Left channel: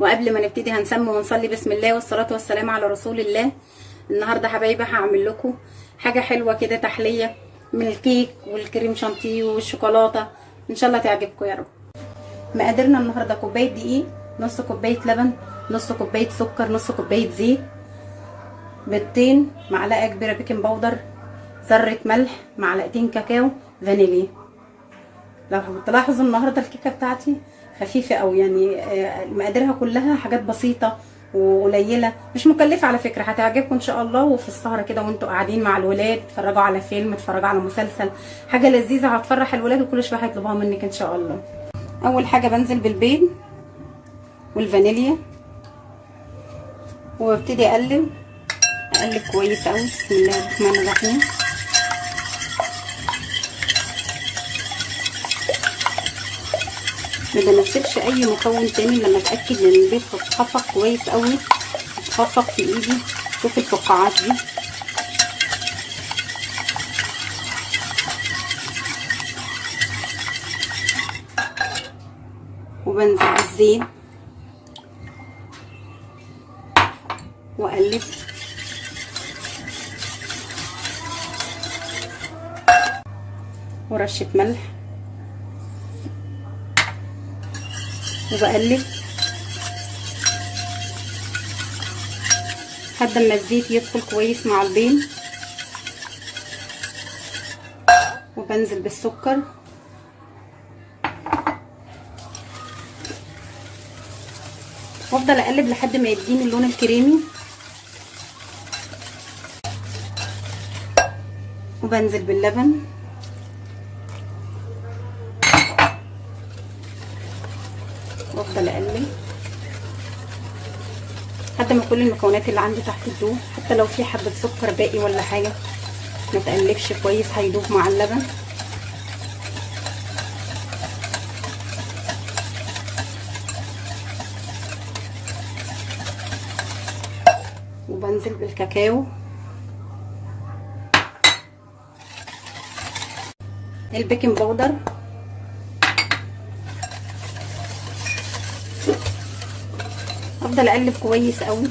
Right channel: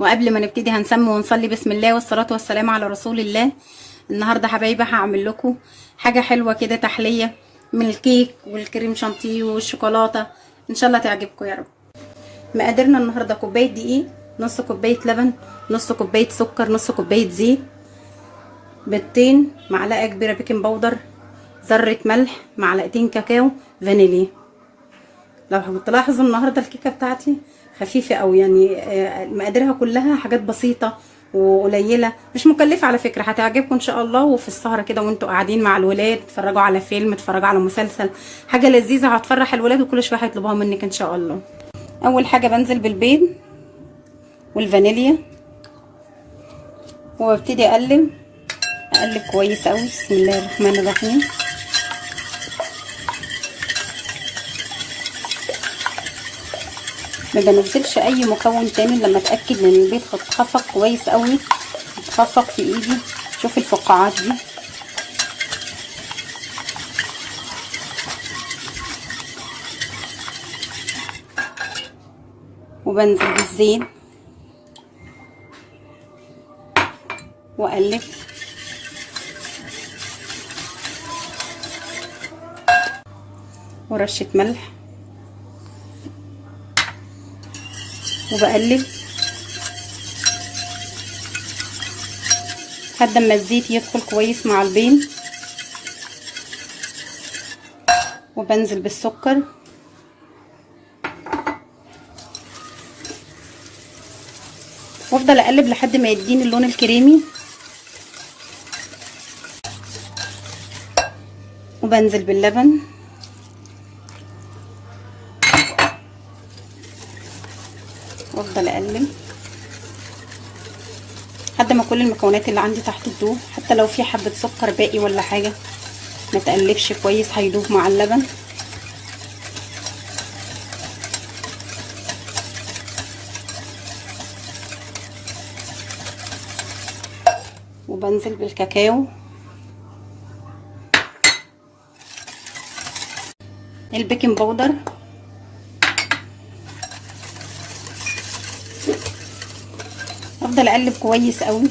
وقبل ما نبتدي هنسمي ونصلي بسم الله والصلاة والسلام على رسول الله. النهارده حبايبي هعمل لكم حاجة حلوة كده، تحلية من الكيك والكريم شانتيه والشوكولاتة، ان شاء الله تعجبكم يا رب. مقاديرنا النهارده: كوباية دقيق، نص كوباية لبن، نص كوباية سكر، نص كوباية زيت، بيضتين، معلقة كبيرة بيكنج باودر، ذرة ملح، معلقتين كاكاو، فانيليا. لو تلاحظوا النهارده الكيكه بتاعتي خفيفه قوي، يعني مقاديرها كلها حاجات بسيطه وقليله، مش مكلفه على فكره، هتعجبكم ان شاء الله. وفي السهره كده وانتوا قاعدين مع الولاد، تتفرجوا على فيلم، تتفرجوا على مسلسل، حاجه لذيذه هتفرح الولاد وكل شويه هيطلبوها منك ان شاء الله. اول حاجه بنزل بالبيض والفانيليا وابتدي اقلب كويس قوي. بسم الله الرحمن الرحيم. ما بنزلش اي مكون تاني لما اتاكد ان البيض اتخفق كويس قوي، اتخفق في ايدي. شوف الفقاعات دي. وبنزل بالزيت واقلب. ورشه ملح وبقلب لحد ما الزيت يدخل كويس مع البيض. وبنزل بالسكر وافضل اقلب لحد ما يديني اللون الكريمي. وبنزل باللبن وافضل اقلب لحد ما كل المكونات اللي عندي تحت تدوب. حتى لو في حبه سكر باقي ولا حاجه ما تقلبش كويس، هيدوب مع اللبن. وبنزل بالكاكاو، البيكنج باودر، افضل اقلب كويس قوي.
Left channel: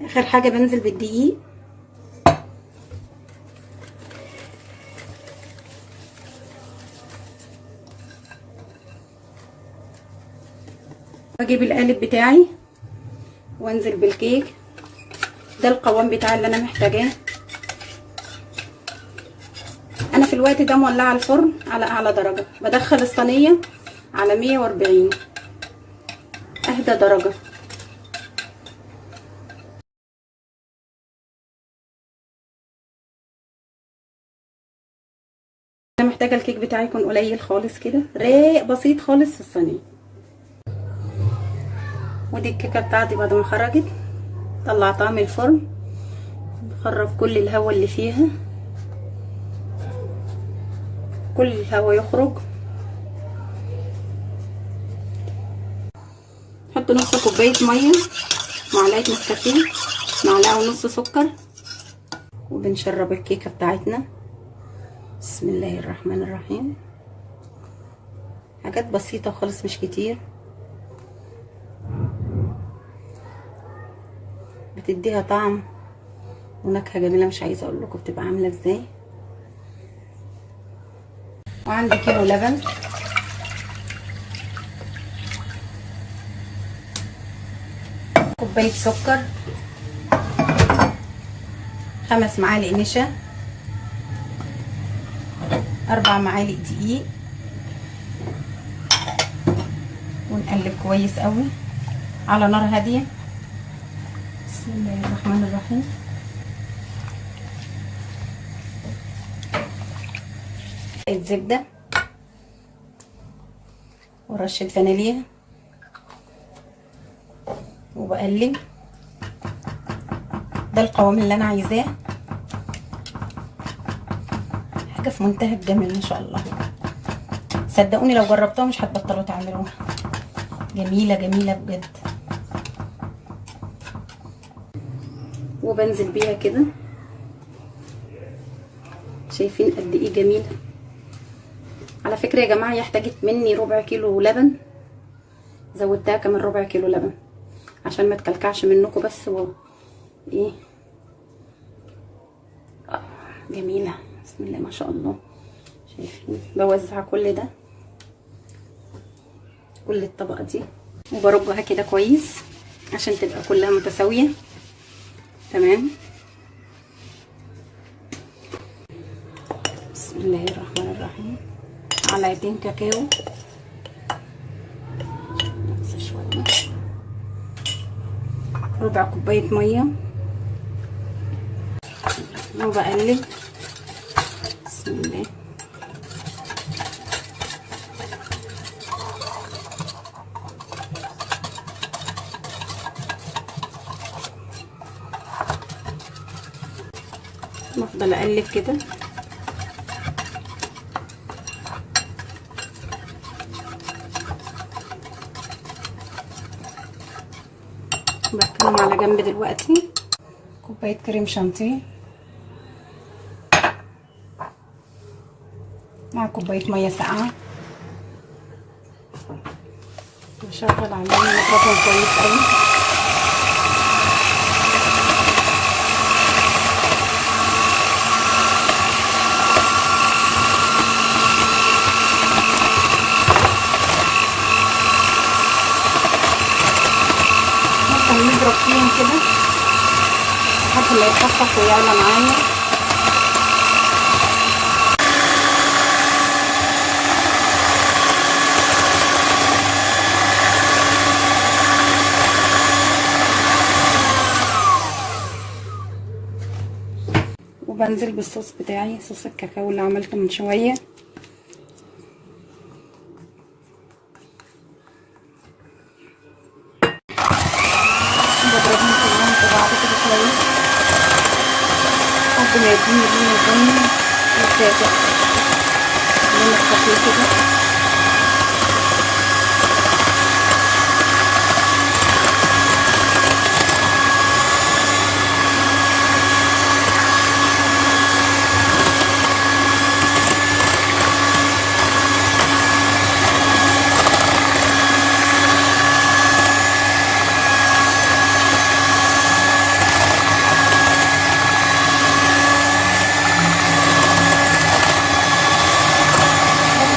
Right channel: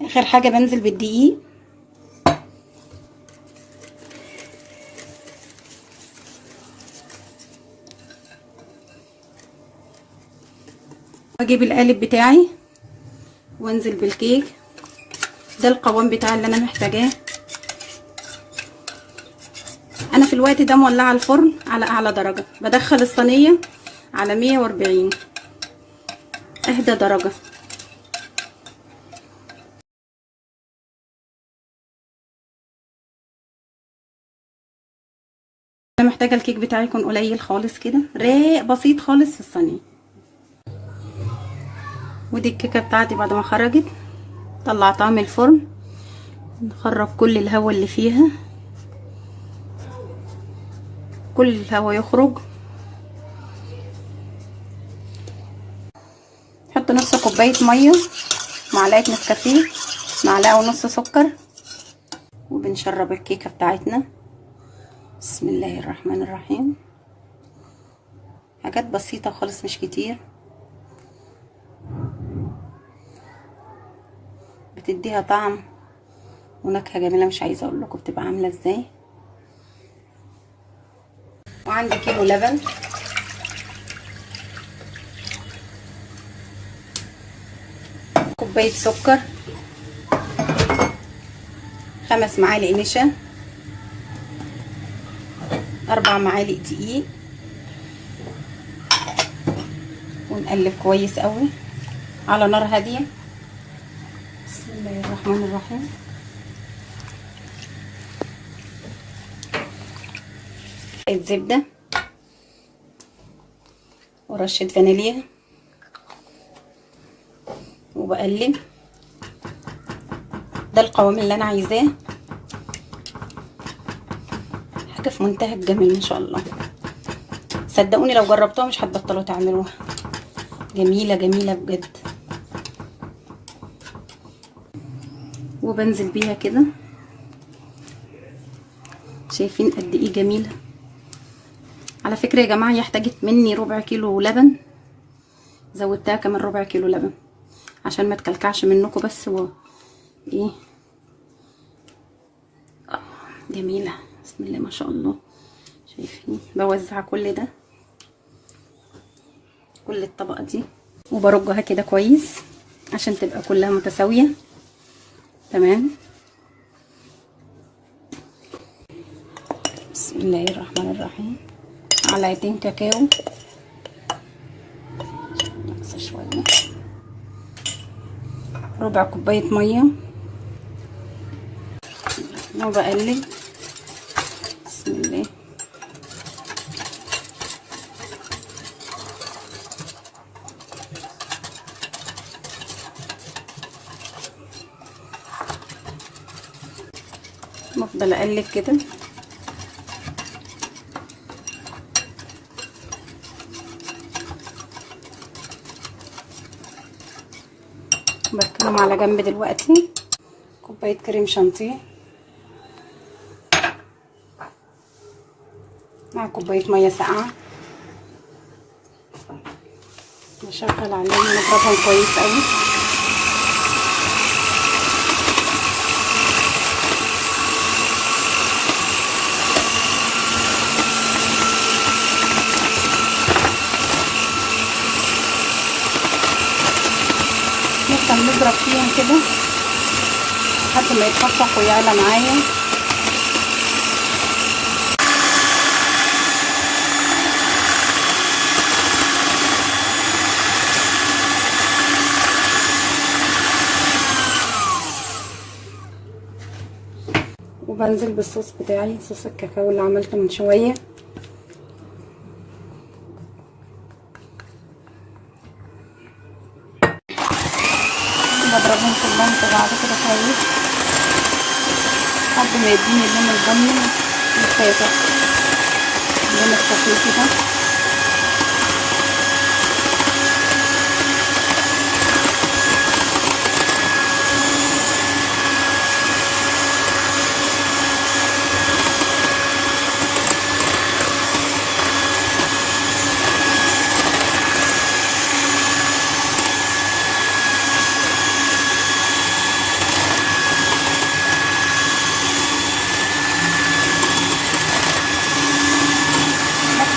اخر حاجه بنزل بالدقيق. بجيب القالب بتاعي وانزل بالكيك. ده القوام بتاعي اللي انا محتاجاه. انا في الوقت ده مولعه الفرن على اعلى درجه، بدخل الصينيه على 140 اهدى درجه. انا محتاجه الكيك بتاعي يكون قليل خالص كده، رايق بسيط خالص في الصينيه. ودي الكيكه بتاعتي بعد ما خرجت طلعتها من الفرن. نخرج كل الهواء اللي فيها، كل الهواء يخرج. نحط نص كوبايه ميه، معلقه نسكافيه، معلقه ونص سكر، وبنشرب الكيكه بتاعتنا. بسم الله الرحمن الرحيم. حاجات بسيطه خالص مش كتير، بتديها طعم ونكهه جميله، مش عايزه اقول لكم بتبقى عامله ازاي. وعندي كيلو لبن، كوبايه سكر، 5 معالق نشا، 4 معالق دقيق. ونقلب كويس قوي على نار هاديه. بسم الله الرحمن الرحيم. الزبده ورشه فانيليا وبقلب. ده القوام اللي انا عايزاه، حاجه في منتهى الجمال ان شاء الله. صدقوني لو جربتوها مش هتبطلوا تعملوها، جميله جميله بجد. وبنزل بيها كده شايفين قد ايه جميله. على فكره يا جماعه هي احتاجت مني ربع كيلو لبن، زودتها كمان ربع كيلو لبن عشان ما تكلكعش منكم. بس هو ايه جميله بسم الله ما شاء الله. شايفين بوزع كل ده، كل الطبقه دي، وبرجها كده كويس عشان تبقى كلها متساويه. تمام. بسم الله الرحمن الرحيم. معلقتين كاكاو، شويه، ربع كوبايه ميه، وبقلب. بسم الله. بفضل اقلب كده. بركنهم على جنب دلوقتي. كوبايه كريم شانتيه مع كوبايه ميه ساقعه، واشغل عليه الميكروفون كويس قوي. نضرب فيهم كده لحد ما يتفتح ويعلى معايا. وبنزل بالصوص بتاعي، صوص الكاكاو اللي عملته من شويه. بضربهم كلهم في بعض كده كويس لحد ما يديني اللون البني الفاتح، اللون الخفيف كده.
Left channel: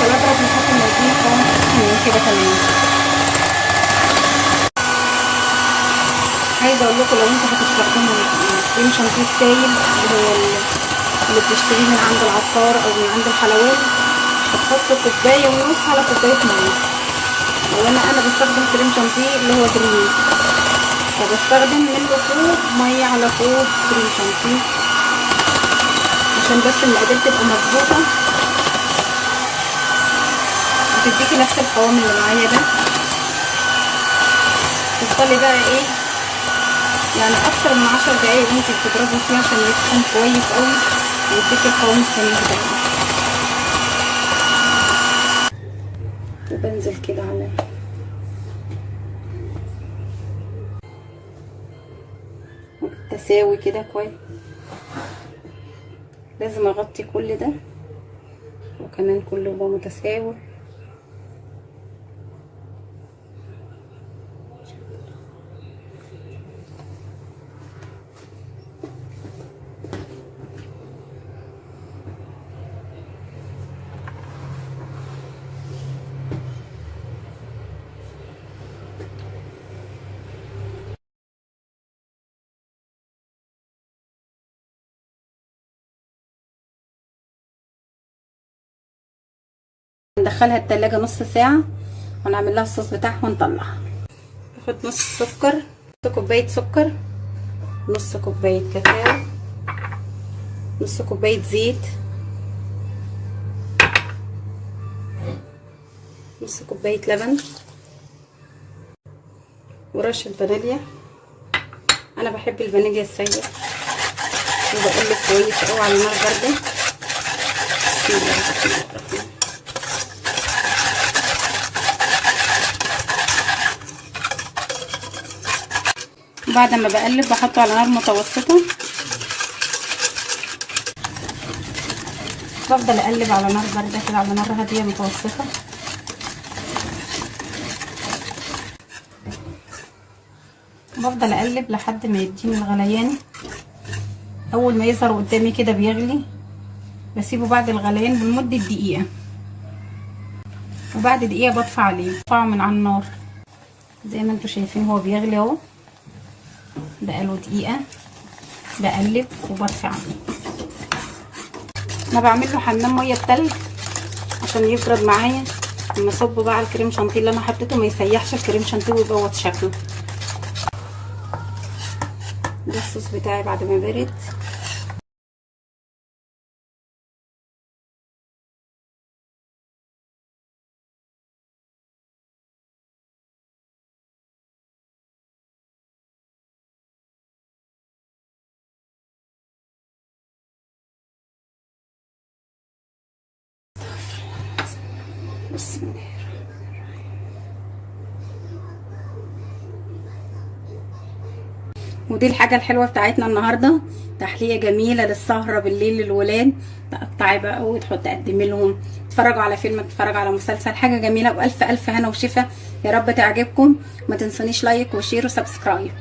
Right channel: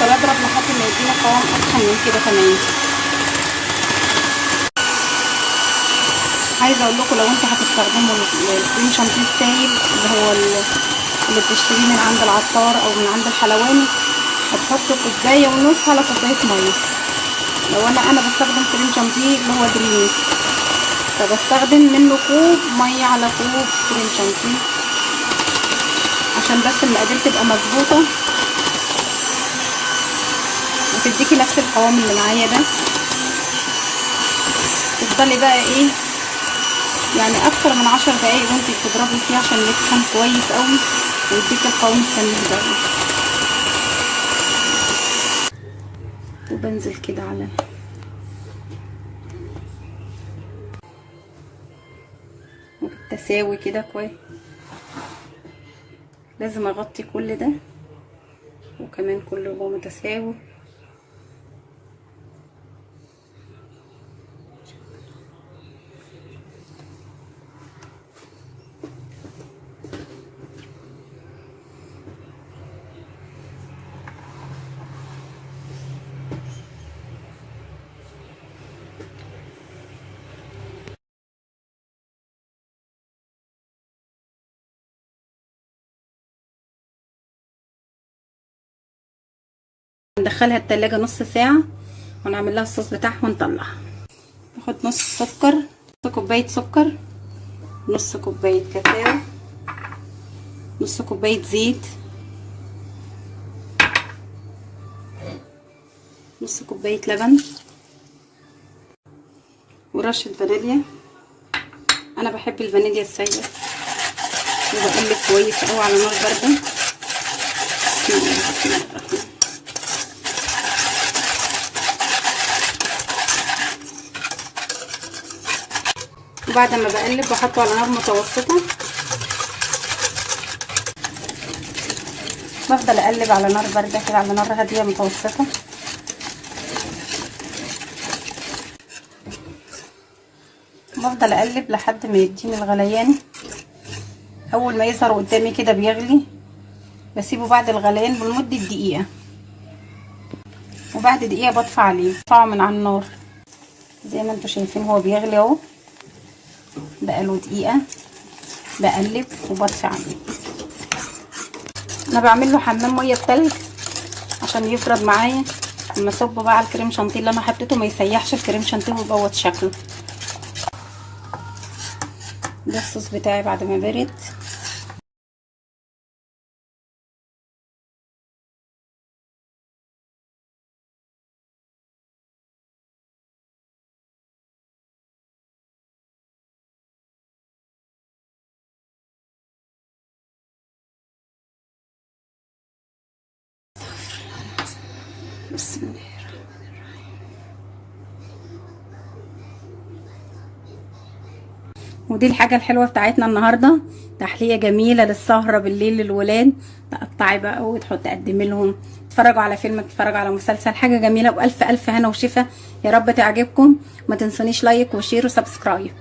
بضرب لحد ما يدينا قوام احسن من كده كمان. عايزه اقول لكم لو انتوا هتستخدموا الكريم شانتيه السايل اللي هو اللي بتشتريه من عند العطار او من عند الحلواني، هتحطوا كوبايه ونص على كوبايه ميه. لو انا بستخدم كريم شانتيه اللي هو دريم، فبستخدم منه كوب ميه على كوب كريم شانتيه عشان بس المقادير تبقى مظبوطه وتديكي نفس القوام اللي معايا ده. تفضلي بقى ايه يعني اكتر من 10 دقايق وانتي بتضربي فيه عشان يسخن كويس قوي ويديكي القوام السميك ده. وبنزل كده على بالتساوي كده كويس. لازم اغطي كل ده وكمان كله يبقى متساوي. ندخلها التلاجة نص ساعة ونعمل لها الصوص بتاعها ونطلعها. باخد نص سكر، نص كوباية سكر، نص كوباية كاكاو، نص كوباية زيت، نص كوباية لبن، ورشة فانيليا. انا بحب الفانيليا السايلة. وبقلب كويس قوي على نار باردة. بسم الله الرحمن الرحيم. وبعد ما بقلب بحطه على نار متوسطة بفضل اقلب على نار بارده كده، على نار هاديه متوسطه. بفضل اقلب لحد ما يديني الغليان. اول ما يظهر قدامي كده بيغلي بسيبه بعد الغليان بمده دقيقه، وبعد دقيقه بطفي عليه، برفعه من على النار. زي ما انتم شايفين هو بيغلي اهو، بقاله دقيقه بقلب وبطفي عليه. انا بعمل له حمام ميه بتلج عشان يبرد معايا، لما اصب بقى على الكريم شانتيه اللي انا حطيته ما يسيحش الكريم شانتيه ويبوظ شكله. ده الصوص بتاعي بعد ما برد. بسم الله. ودي الحاجه الحلوه بتاعتنا النهارده، تحليه جميله للسهره بالليل للولاد. تقطعي بقى وتحطي تقدمي لهم، تتفرجوا على فيلم، تتفرجوا على مسلسل، حاجه جميله. والف الف هنا وشفا، يا رب تعجبكم. ما تنسونيش لايك وشير وسبسكرايب.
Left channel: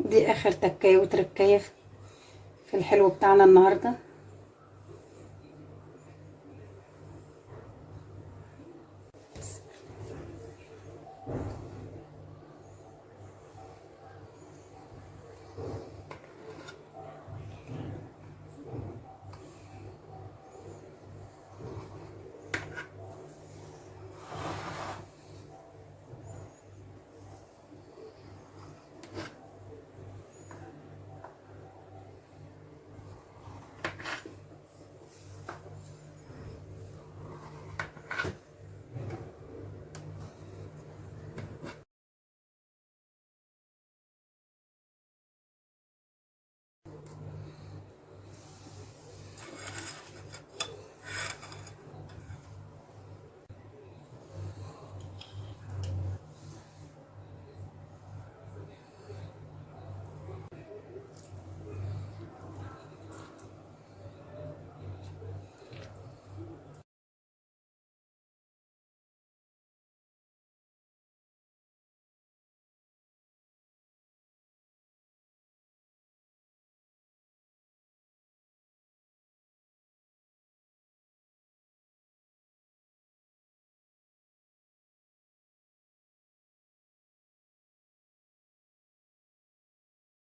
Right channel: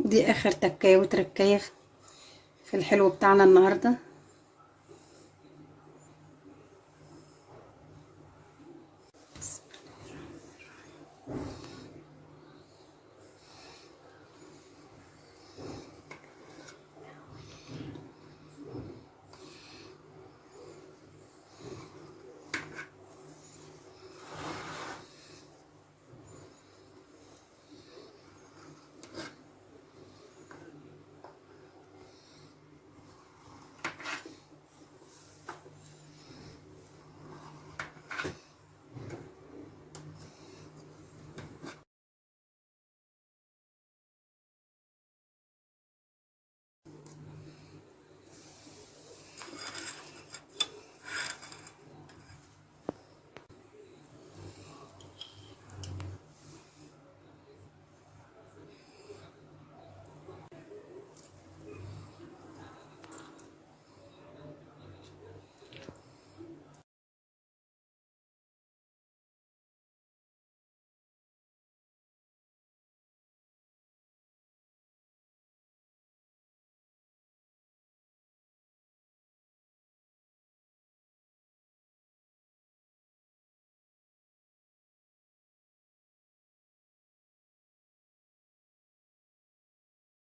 دي اخر تكايه وتركايه في الحلو بتاعنا النهارده.